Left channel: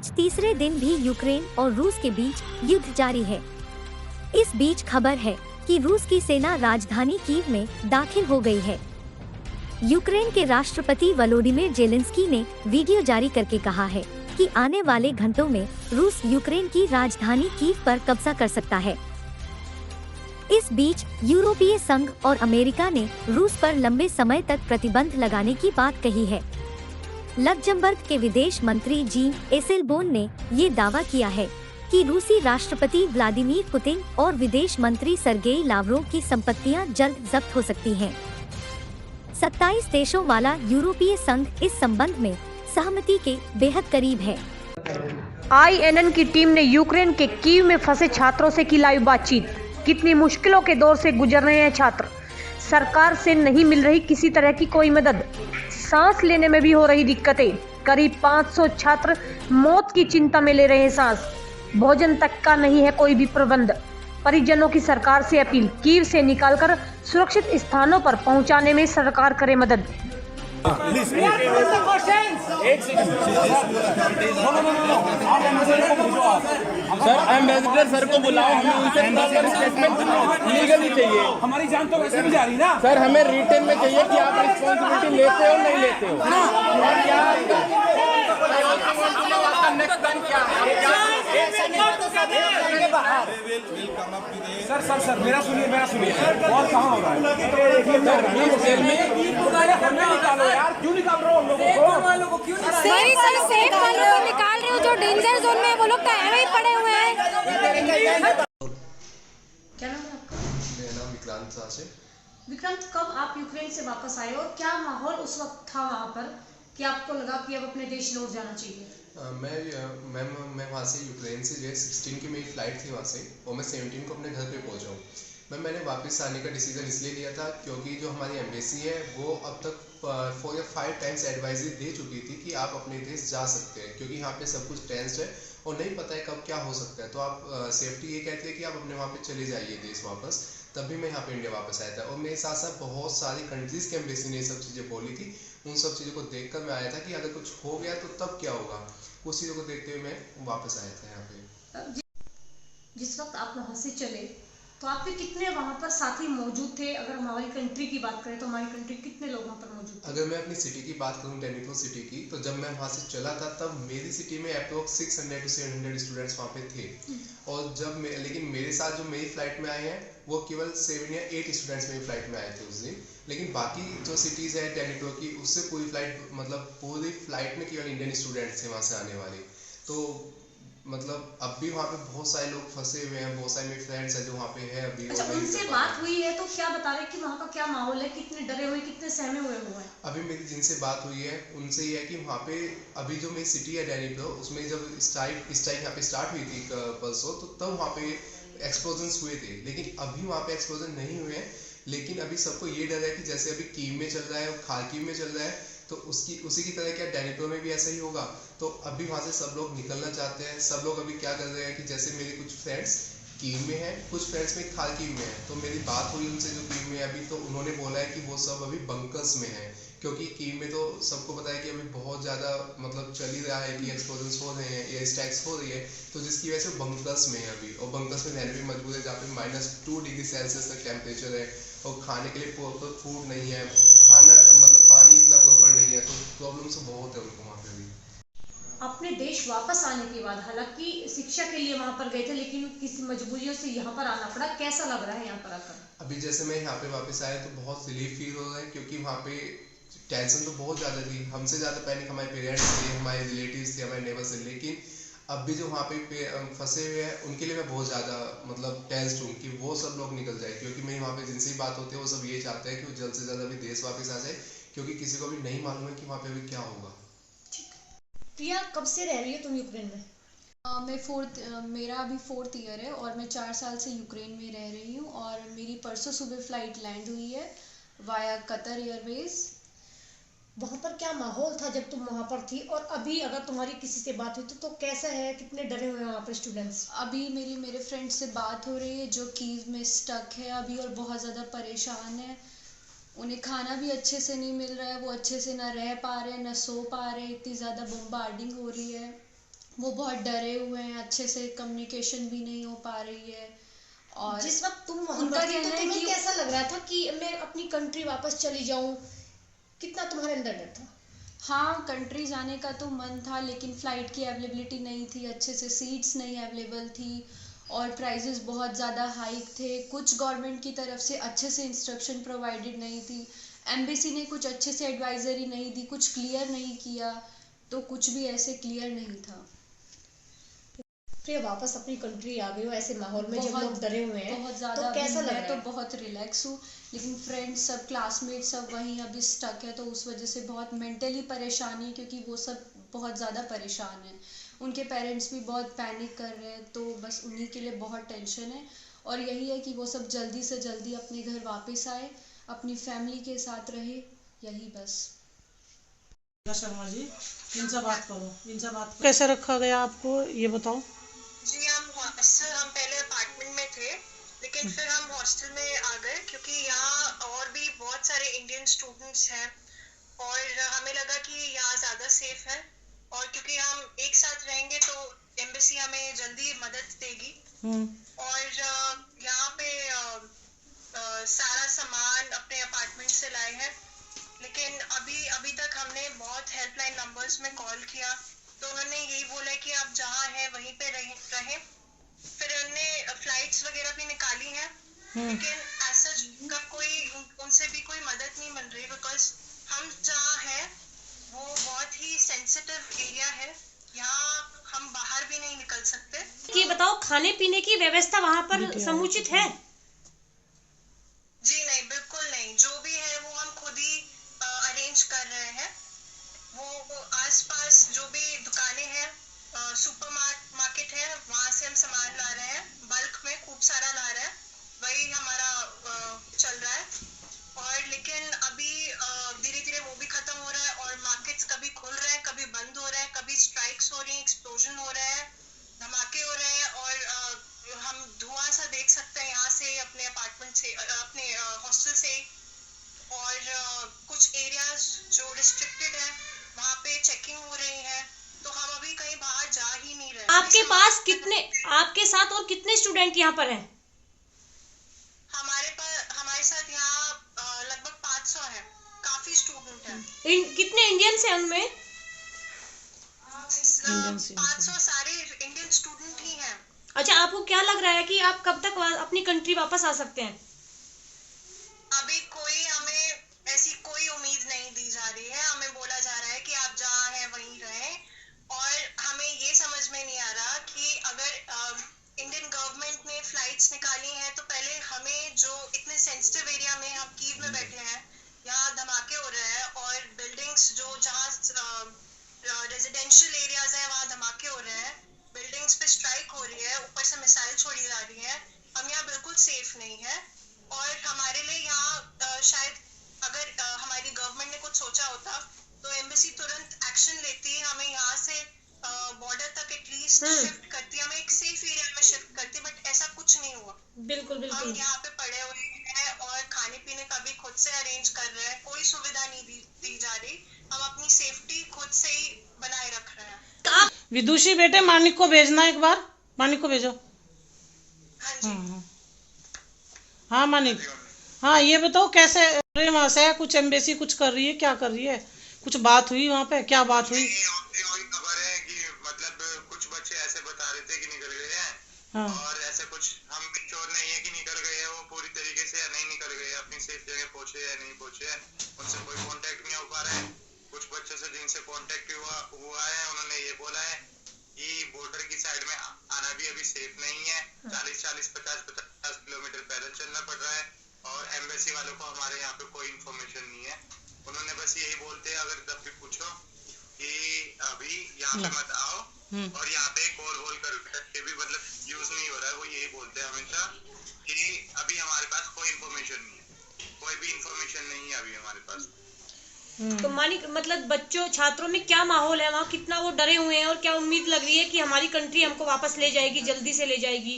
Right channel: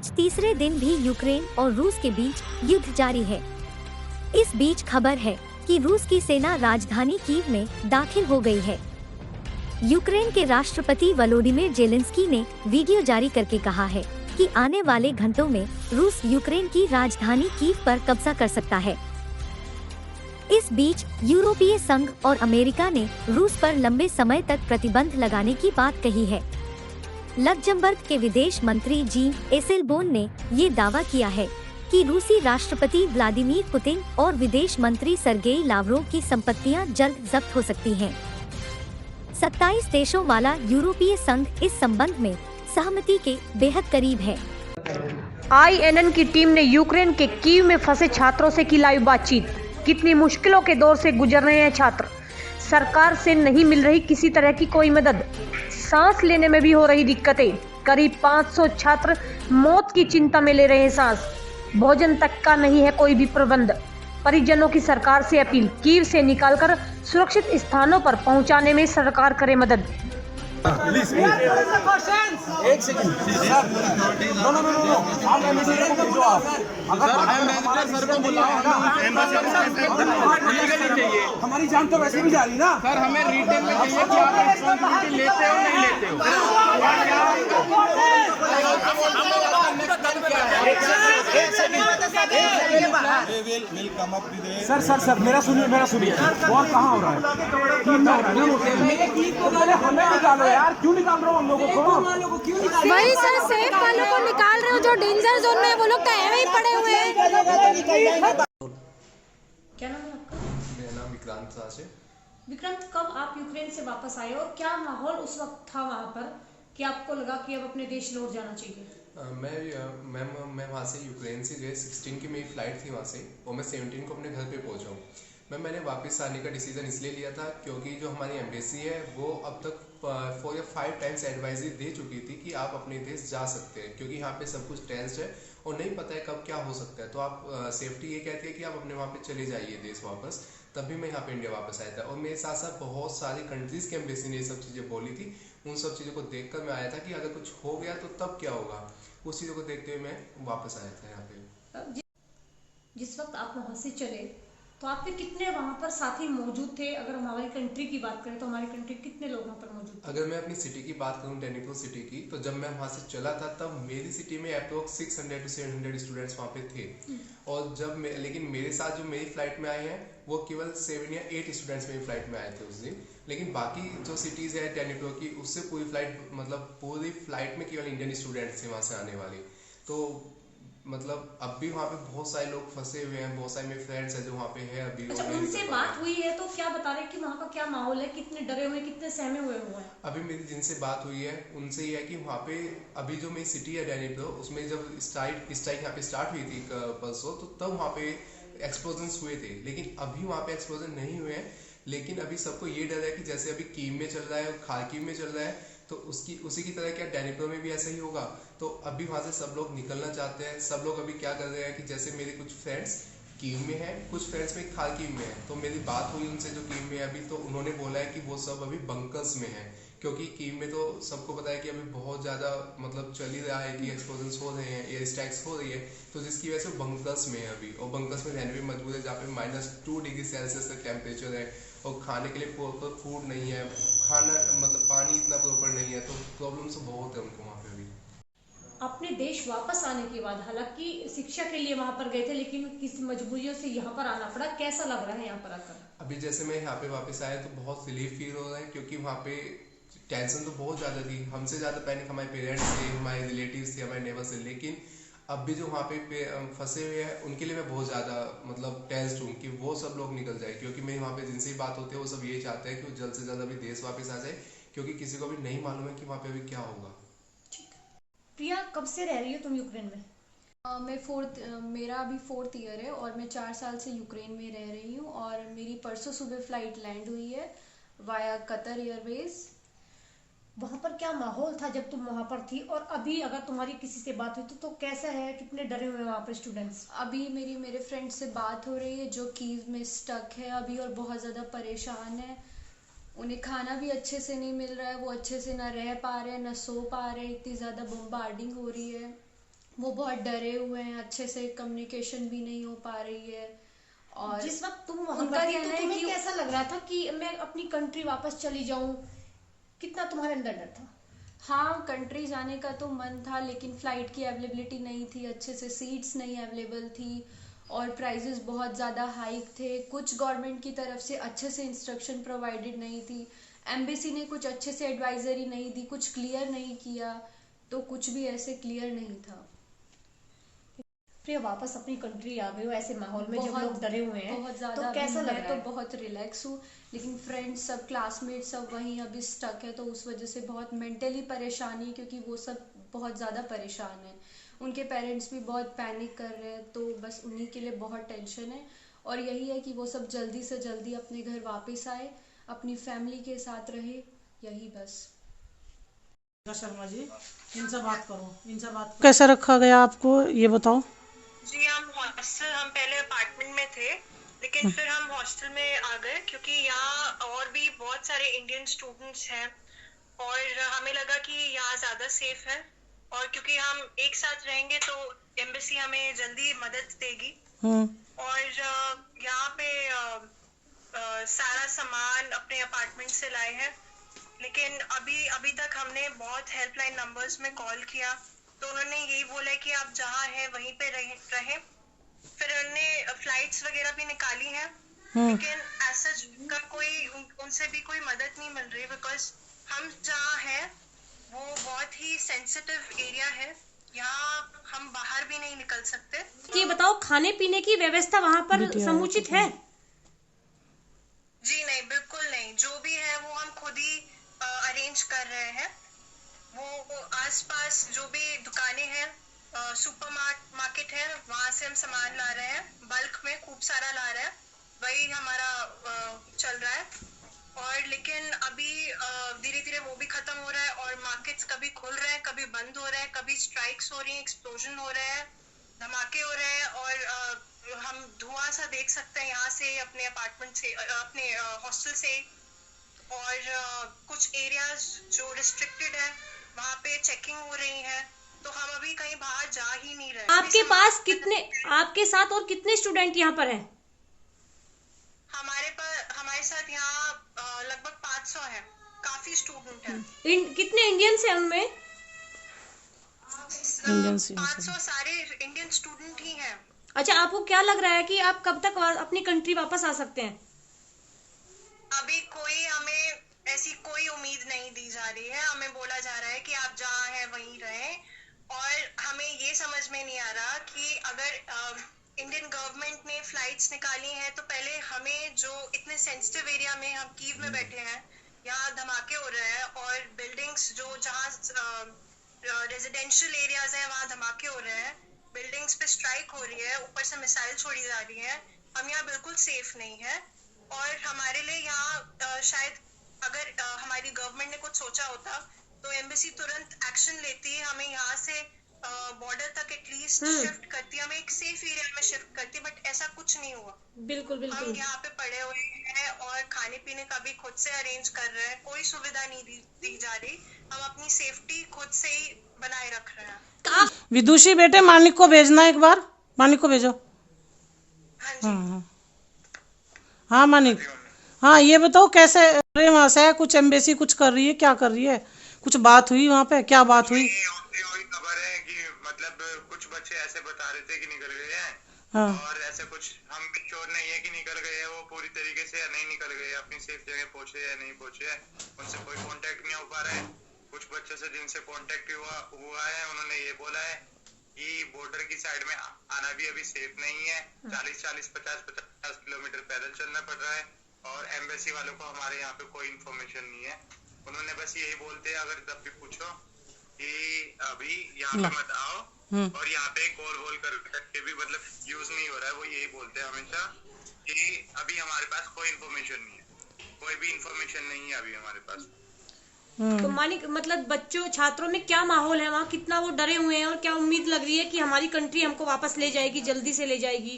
आज तीसरे दिन भी यूक्रेन और रूस के बीच युद्ध जारी है। इस बीच खबर है कि रूस की सेना राजधानी कीव में दाखिल हो गई है। यूक्रेन के राष्ट्रपति वोलोडिमिर जेलेंस्की ने वीडियो जारी करके कहा है कि आने वाले घंटों में रूस यूक्रेन की राजधानी कीव पर कब्जा कर सकता है। इस बीच यूरोपीय संघ और अमेरिका ने रूस पर लंबे समय तक प्रतिबंध लगाने की बात कही है। लक्जमबर्ग के विदेश मंत्री जीन एसेलबोर्न ने ये दावा किया है कि रूसी राष्ट्रपति व्लादिमीर पुतिन और विदेश मंत्री सर्गेई लावरोव की संपत्तियां जल्द जब्त हो सकती हैं। 27 देशों वाला यूरोपीय संघ इस संबंध में सहमति के बेहद करीब है। INN की टीम ने यूक्रेन के कीव में फंसे छात्रों से की लाइव बातचीत। कितनी मुश्किलों के दौर से गुजर रहे हैं छात्र। सरकार से नहीं मिल रही किसी तरह की कोई मदद। सांस लेने में भी हो रही दिक्कतें। करीब 500 छात्र मौत की चिंता में ले रहे हैं सांस। भोजन तक का नहीं है कोई भी प्रबंध। परिजनों की सरकार से अपील, कीव से निकालकर सुरक्षित स्थानों पर पहुंचाने में सरकार करे मदद। एक सेकंड नो आप एम्बेसडर को भेजो। आप अगर एम्बेसडर सर को बुलाओ, हमारी जान तो वैसे भी जा रही ना सर। हमें रिटर्न में चाहिए कि आप रिस्पांसिबिलिटी लेते हो नहीं लेते हो। सर मेरा सुनिए और कहाँ हो रहा है? हमें निकालो यार, क्यों निकाल रहे हो हम लोगों को? वही सर, सेफ वालों को निकाल रहे हो, जो डेंजर जोन में है वो लोग तो ऐसे ही पड़े हुए हैं। क्या नाम है आपका? मेरा नाम विक्रांत साच है। विक्रांत, कब आप यूक्रेन से वापस आए और क्या माहौल उस वक्त था वहाँ पर कि आपको लगा कि अब अपने देश लौट जाना चाहिए? मैं वहाँ से यूक्रेन से जो है 16 की मेरी फ़्लाइट थी वहाँ से, और मैं 17 को अपने घर पे पहुँचा हूँ। मैंने वापस आने का डिसीज़न इसलिए लिया था क्योंकि जो हमारी एम्बेसी है वो अब तक 4 या 5 टाइम्स एडवाइजरी दे चुकी थी कि आप अपने देश जा सकते हैं, क्योंकि यहाँ पे सब कुछ टेंस्ड है और नहीं पता है कब क्या हो सकता है। तो आप सेफ्टी ये कहती है कि आप अपने वहाँ पे चले जाइए देश वापस। तब भी मैं यहाँ पे इंडिया वापस आया था, और मेरे साथ साथ बहुत सारी कंट्रीज़ के एम्बेसी ने ये सब चीज़ें बोली थी। उन सब चीज़ों को देखकर मैं आया था कि अगर कुछ हो गया तो तब क्या होगा। उस चीज़ों को देखते हुए मैं वापस आया था यहाँ पे। जिस वक्त आप वहाँ से चले तो आपके कितने वहाँ पर साथी मौजूद थे? अगर हमारी कंट्री की बात करें तो हमारी कंट्री कितने लोग वहाँ पर मौजूद थे? अगर मैं अपनी सिटी की बात करूँ, डेनिप्रो सिटी की, तो जब मैं वहाँ से चला था तब मेरी सिटी में अप्रोक्स 600 to 700 स्टूडेंट्स वहाँ पे थे। और लेकिन मेरे साथ जो मेरी फ्लाइट में आए हैं वो केवल 7 या 8 स्टूडेंट्स मेरी फ्लाइट में आए थे उस दिन। लेकिन बाकी जो सिटीज़ है डेनिप्रो की, उससे पूरी फ्लाइट में केवल इंडियन स्टूडेंट्स थे वहाँ से आने वाले। तो मतलब अब भी वहाँ पे बहुत सारे लोग फंसे हुए हैं, बहुत सारे मेरे फ्रेंड्स हैं जो वहाँ पे है अभी। अच्छा, उनसे बात हुई है तो क्या बता रहे हैं कि वहाँ का क्या माहौल है? कितने डरे हुए, कितने सहमे हुए हैं? अभी मेरी जिनसे बात हुई है उनसे ये है कि वहाँ पे अभी जो मेरी सिटी है डेनिप्रो, उसमें जब स्ट्राइक यहाँ पे स्टार्ट हुई थी परसों, तो तब वहाँ पे एक्सप्लोजन्स हुए थे। लेकिन अभी वहाँ पे एक्सप्लोजन नहीं हुए हैं। लेकिन अभी सबको ये डर है कि जैसे अभी कीव में चल रहा है, खार्किव में चल रहा है, तो उसी की तरह क्या डेनिप्रो में भी ऐसा ही होगा। तो अभी वहाँ से सब लोग निकलना चाहते हैं। सब लोग अभी क्या कर रहे हैं कि जैसे मेरे कुछ फ्रेंड्स कीव में हैं, कुछ फ्रेंड्स में खार्किव में हैं। तो मेरी बात हुई उनसे जो कीव में है अभी, तो उन्होंने बोला है कि वो सब अभी बंकर्स में हैं, क्योंकि कीव में तो सबको पता है कि अभी बहुत ज़्यादा मतलब चल ही रहा है कि एक्सप्लोजन्स हो रहे हैं, एयर स्ट्राइक्स हो रही है। तो जिसकी वजह से बंकर्स में है अभी, और बंकर्स में रहने भी मजबूर है, जहाँ पे -2 डिग्री सेल्सियस तक टेम्परेचर है, और खाने के लिए प्रॉपर फूड नहीं है, खाना मतलब पानी इतना प्रॉपर नहीं है। तो प्रॉब्लम्स तो बहुत है उनको वहाँ पे भी। अपने देश वापस आने के बाद हालांकि शिक्षा के लिए वहाँ पर गए थे, लेकिन किस मजबूरियों से यहाँ पर आना पड़ा, कैसा लग रहा है यहाँ पर आकर? अभी जैसे मैं यहाँ पे वापस आया तो बहुत रिलीफ फील हो रहा है, क्योंकि वहाँ पे टेंशन तो बहुत ज़्यादा थी। हमसे ज़्यादा पैनिक हमारे पेरेंट्स थे, हमारे रिलेटिव्स थे, हमारे नेबर्स थे। लेकिन अब भी जो वहाँ पे फंसे हुए हैं उनके लिए मैं बहुत ज़्यादा मतलब टेंस्ड हूँ कि वो सब लोग निकल जाए, क्योंकि मेरी वहाँ पे जिनसे भी बात होती है वो सब यही चाहते हैं कि वो जल्द से जल्द अभी देश वापस आ जाए, क्योंकि किसी को भी नहीं मालूम है कि वहाँ पे अभी क्या होगा। प्रिया, कब से रह रही हो तुम यूक्रेन में? मेरा अभी 4th ईयर है और मैं 4 साल से यूक्रेन में रह रही हूँ। और मेरी परसों सुबह फ़्लाइट लैंड हुई है वाया कतर एयरवेज। वहाँ पर क्या माहौल था जब तुम वहाँ पर थी, और अभी अगर तुम्हारी किसी से बात हुई तो कैसा है? कितने डरे हुए हैं वहाँ पर स्टूडेंट्स? अभी मेरे फ्रेंड से बात हो रही है जो कीव में स्टक है अभी और बहुत ज़्यादा परेशान है। उन्हें खाना भी अच्छे से नहीं मिल रहा है, वो अच्छे से ना रह पा रहे हैं, ना सो पा रहे हैं, इतनी ज़्यादा बम्बार्डिंग हो रही है। वो बहुत डरे हुए हैं, अच्छे से कम्युनिकेशन भी नहीं हो पा रही है। और जिस वक्त तुम वहाँ उनका पर थी, कहना तो है तुम्हें कि कैसा लग रहा था कि मैं अपनी कंट्री वापस चली जाऊं? कितना तुम्हारे अंदर डर था? हाँ, कंट्री जाने का तो मन था, लेकिन फ़्लाइट की अवेलेबिलिटी नहीं थी, अच्छे से सीट्स नहीं अवेलेबल थी और प्राइजेस बहुत ज़्यादा हाइक थे। कुछ गवर्नमेंट की तरफ से अच्छे से इंस्ट्रक्शन प्रोवाइडेड नहीं थी, एम्बेसी ने कुछ अच्छे से एडवाइजरी नहीं दी, कुछ क्लियर नहीं किया, तो कुछ भी ऐसे क्लियर नहीं था। फिर वापस अपनी कंट्री आ गए हो ऐसे माहौल में जब बहुत लोग डरे हुए हैं, बहुत ज़्यादा तो कैसा अभी लग मैं रहा तो है? बहुत रिलैक्स हूँ, लेकिन फ्रेंड्स सब, क्लासमेट सब वहीं अभी स्टक है, तो उस वजह से बहुत मेंटली परेशानी है, क्योंकि वो सब बहुत ज़्यादा परेशान हैं। उनके पेरेंट्स भी बहुत पैनिक कर रहे हैं, तो बस उन्हीं के लिए बहुत टेंशन है। और यही है कि वो सब जल्दी से जल्दी अपने घर वापस आए, अपनी फैमिली के साथ रहे, यही बस। शर्मा जी, इनसे बात करो, इनसे बात करो। कैसे रखा गया आपको, ये बताओ। जी हम पहले अपार्टमेंट में थे, लेकिन फिर हम हॉस्टल में आ गए, क्योंकि यहाँ और भी बहुत सारे इंडियन स्टूडेंट्स हैं और हमें लगा कि यहाँ ज़्यादा सेफ है, और क्योंकि हम एक साथ रहेंगे तो एम्बेसी हमें जल्दी मदद देगी। और यहाँ पे सारा सामान अपने अपार्टमेंट से लाए हैं, लेकिन अभी तक हमने बहुत हेल्पलाइन नंबर्स में कॉल किया, तो उन्होंने यही बोला कि आप जहाँ हैं वहीं पे रहें। फिर उन्होंने फ्लाइट्स वगैरह भी निकाली हैं, लेकिन ऐसा का उनसे भी कोई मदद नहीं मिल रही, बिकॉज हम जहाँ हैं वो बहुत ही सेंसिटिव एरिया है, यहाँ हम बाहर भी नहीं निकल सकते। ये बताओ, खाने पीने की व्यवस्था वहाँ पर समुचित है? जी नहीं, बिल्कुल नहीं। जो भी है वो हम खुद ही अरेंज कर रहे हैं। वो आसपास जो भी दुकानें हैं, सुपर मार्केट है, वहाँ से हम सामान ला रहे हैं, बल्क में खूब सारा ला रहे हैं, वही हमारा चल रहा है। और लेकिन अभी धीरे धीरे वो भी खत्म हो रहा है, और मार्केट्स कभी खुल रहे हैं, कभी बंद हो रहे हैं, कभी स्ट्राइक्स हो रही हैं, एक्सप्लोजन हो रहे हैं, धमाके हो रहे हैं, और हम धुआं सा देख सकते हैं यहाँ से, अपने अपार्टमेंट से, अपने हॉस्टल से। और कुछ एरियाज जो रिस्ट्रिक्टेड है वहाँ पे चेकिंग हो रही है, तो हम अभी कहीं बाहर जा ही नहीं रहे। आपके साथ और कितने स्टूडेंट यहाँ पर हैं? हमारे साथ यहाँ लगभग 500 है, काफी स्टूडेंट हैं। कितने इंडियंस हैं उनमें? 500 सारे इंडियन स्टूडेंट ही हैं। अच्छा, आपको क्या लग रहा है कि आप कब तक अपनी कंट्री वापस आ सकते हैं? अभी हमें ऐसी कोई उम्मीद नहीं दी जा रही है। हमें बोला जा रहा है कि आप जहाँ हैं वहीं रहें, और हमें ये समझ में नहीं आ रहा कि अगर इंडियन गवर्नमेंट ने फ्लाइट्स निकाली हैं, तो पहले हमें, जो इतने सेंसिटिव एरिया में हम कीव में बैठे हैं, यहाँ धमाके हो रहे हैं, और बिल्डिंग्स जहाँ रेजिडेंशियल एरियाज हैं वहाँ धमाके हो रहे हैं, बिल्डिंग्स पे स्ट्राइक हो रही है, ऊपर से मिसाइल छोड़ी जा रही है, हम यहाँ बिल्कुल सेफ नहीं है। और हमारे लिए यहाँ शायद अगर हमारी गवर्नमेंट ने कुछ सोचा होता तो एम्बेसी तुरंत एक्शन लेती, हमें यहाँ से बॉर्डर तक एटलीस्ट शिफ्ट करती, हमें एक सेफ एरिया में शिफ्ट करती, बट ऐसा कुछ नहीं हुआ। बिल्कुल हम यहाँ पे पड़े हुए हैं और खाने पीने का भी खुद से अरेंज कर रहे हैं, कोई सुविधा नहीं दी जा रही, हम अपनी सेफ्टी खुद से ही बनाए रख रहे हैं। विदुषी बेटे, मानिक को भेजना, एक बार मानिक को भेजो। हाँ जी। हाँ मानिक, हाँ ये बताओ कैसे वहाँ से कुछ एम्बेसी कुछ कर रही है, क्या कर रही है, कुछ बात हुई वहाँ पे, क्या बात हुई? वही खबर है कि मतलब कुछ बच्चे ऐसे बता रहे थे कि निकल गए हैं, और ऐसे कुछ हम भी श्योर नहीं है कि निकल गए हैं वो पूरी तरीके से या नहीं निकल गए, अपनी सेफ जगह पहुंचे या नहीं पहुंचे, उनसे कोई कांटेक्ट नहीं हो पा रहा है। कुछ बच्चे से जिनसे कांटेक्ट हुआ है उन्होंने ये बोला है कि बॉर्डर की साइड में आना भी अभी सेफ नहीं है, 40-50 किलोमीटर पैदल चलना पड़ रहा है, और एम्बेसी वालों को हमारे यहाँ पे कोई इन्फॉर्मेशन नहीं है। उन्होंने बस यही बोलते हैं, अगर तब भी पूछो कि अभी यहाँ पे मत आओ, और यहाँ पे कॉल वॉल करके भी मतलब यूज नहीं हो रहा है, वो यही बोलते हैं हमेशा कि अभी हमारे पास कोई इन्फॉर्मेशन नहीं है, कोई भी इन्फॉर्मेशन नहीं है अभी हमारे पास। तो मानिक, मतलब बच्चों, छात्रों में क्या माहौल है वहाँ, कितना वो डरे हुए हैं, और क्या उम्मीद लग रही है कि हमारी कंट्री हमको वापस ले जाएगी, जल्दी से ले जाएगी?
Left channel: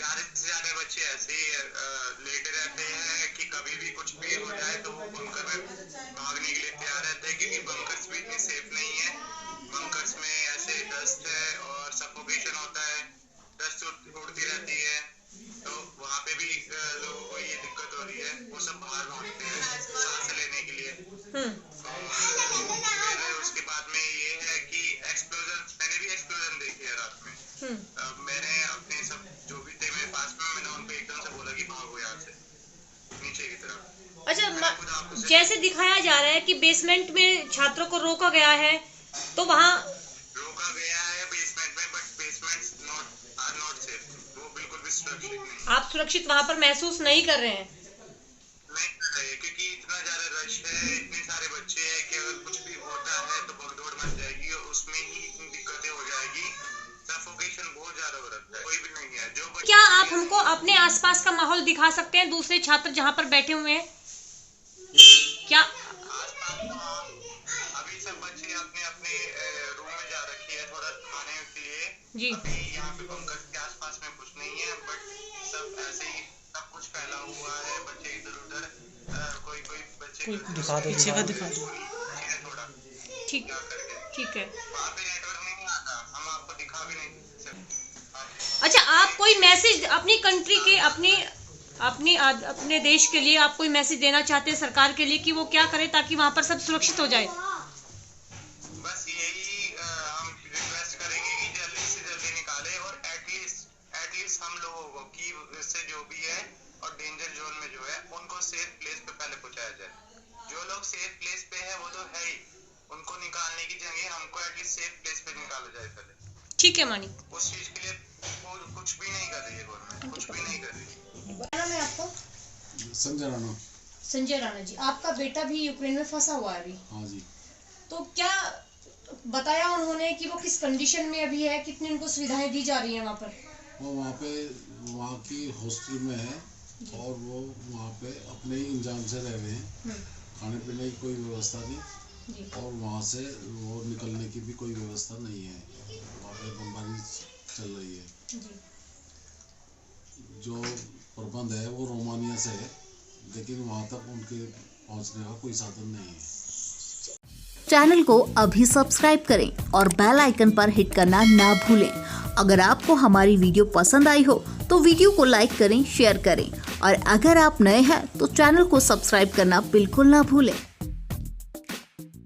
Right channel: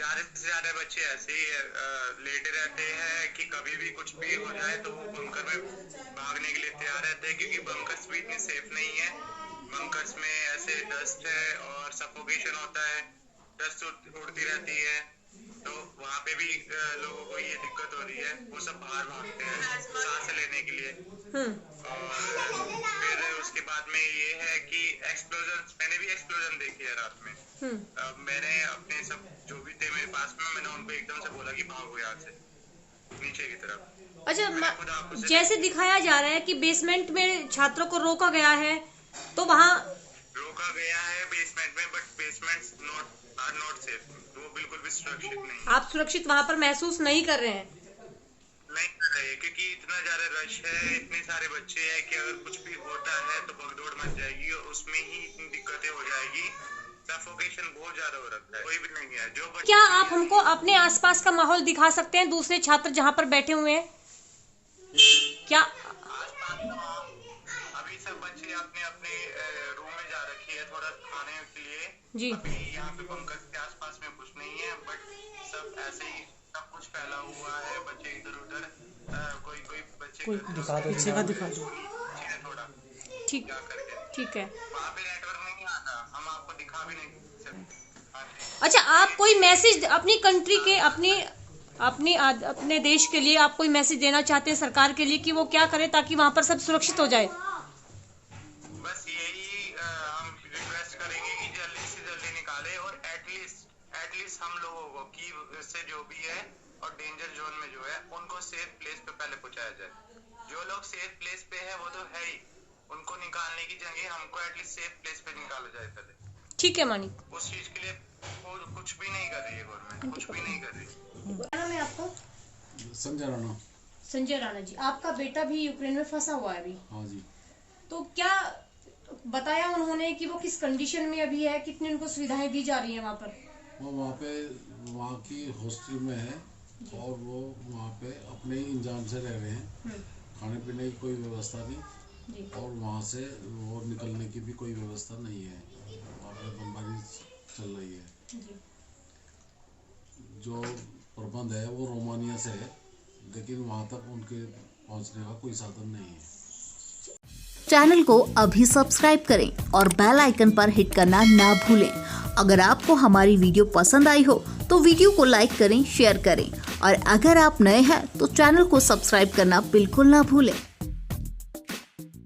ज्यादा से ज्यादा बच्चे ऐसे ही लेटे रहते हैं कि कभी भी कुछ भी हो जाए तो वो बंकर में भागने के लिए तैयार रहते हैं, क्योंकि बंकर्स भी इतने सेफ नहीं है। बंकर्स में ऐसे डस्ट है और सफोकेशन होता है, डस्ट उड़ती रहती है, तो वहाँ पे भी लोगों को ये दिक्कत हो रही है। वो सब बाहर भागते हैं सांस लेने के लिए। और फिर उसके बाद में ये है कि एक्सप्लोजन, मैंने भी एक्सप्लोजन देखी है रात में। मैंने अपने सब जो भी थे मेरे पास में, मैंने उनको एकदम से बोला कि भागो यहाँ से नीचे की तरफ। अच्छा, जैसे दिखाया जा रहा है कि बेसमेंट में छात्रों को रोका गया है, तो वहाँ रोका गया है बेसमेंट में, but basements are not safe. वो बिल्कुल भी सुरक्षित नहीं। आप सुरक्षित वहाँ पर महसूस नहीं कर रहे हैं? नहीं कर रहे, क्योंकि इतना ज्यादा रश है, इतने सारे बच्चे हैं कि अगर कुछ भी होता है तो भगदौड़ मच जाएगी और उसमें ही इतनी दिक्कतें हो जाएगी। सफोकेशन बहुत ज्यादा हो रखा है, कोई भी नहीं है। जो क्या आप हमको अपने आसपास का माहौल दिखा सकते हैं, दूसरे छात्र जहाँ पर बैठे हुए हैं? क्या आसपास अभी सब बच्चे अपने अपने रूम में जा रखी है थोड़ा खाने के लिए जी। अभी यहाँ पे बंकर के आसपास में कुछ नहीं है, बट सब ऐसे ही सब कुछ फैला हुआ है। बच्चे इधर उधर, कोई बच्चे दिखा दो, पीछे का दिखा दो थोड़ा। ठीक ठीक है। वहाँ पे नेटवर्क नहीं आता, हम आपको दिखा भी नहीं सकते। अच्छा, आप कोई मैसेज अपनी कंट्री के अपने देश के लिए आप कोई मैसेज देना चाहते हैं सरकार के लिए कि वो क्या करे ताकि वहाँ पर सब सुरक्षित हो जाए? बस यही हम रिक्वेस्ट करेंगे कि जल्दी से जल्दी निकाले और एटलीस्ट हम लोगों को कि इससे जो भी है और डेंजर जोन में जो है उनको सेफ प्लेस पे पहले पहुंचाया जाए। जो लोग सेफ प्लेस पे है वो तो है ही, उनको निकालने की जगह हमको एटलीस्ट सेफ प्लेस पे निकाला जाए पहले। ठीक है मानी। उस चीज के लिए कुछ भी नहीं कर रही है गवर्नमेंट, कुछ भी नहीं कर रही। क्या नाम है आपका? संजय राणा। संजय राणा जी, आपका बेटा भी यूक्रेन में फंसा हुआ है अभी? हाँ जी। तो क्या बताया उन्होंने कि वो किस कंडीशन में अभी है, कितनी उनको सुविधाएं दी जा रही हैं वहाँ पर? वो वहाँ की हॉस्टल में है और वो वहाँ पे अपने ही इंतजाम से रह रहे हैं। खाने पीने की कोई व्यवस्था नहीं और वहाँ से वो निकलने की भी कोई व्यवस्था नहीं है। वहाँ पे बमबारी चल रही है। जो प्रबंध है वो रोमानिया से है, लेकिन वहाँ तक उनके पहुँचने का कोई साधन नहीं है। चैनल को अभी सब्सक्राइब करें और बेल आइकन पर हिट करना ना भूलें। अगर आपको हमारी वीडियो पसंद आई हो तो वीडियो को लाइक करें, शेयर करें और अगर आप नए हैं तो चैनल को सब्सक्राइब करना बिल्कुल ना भूलें।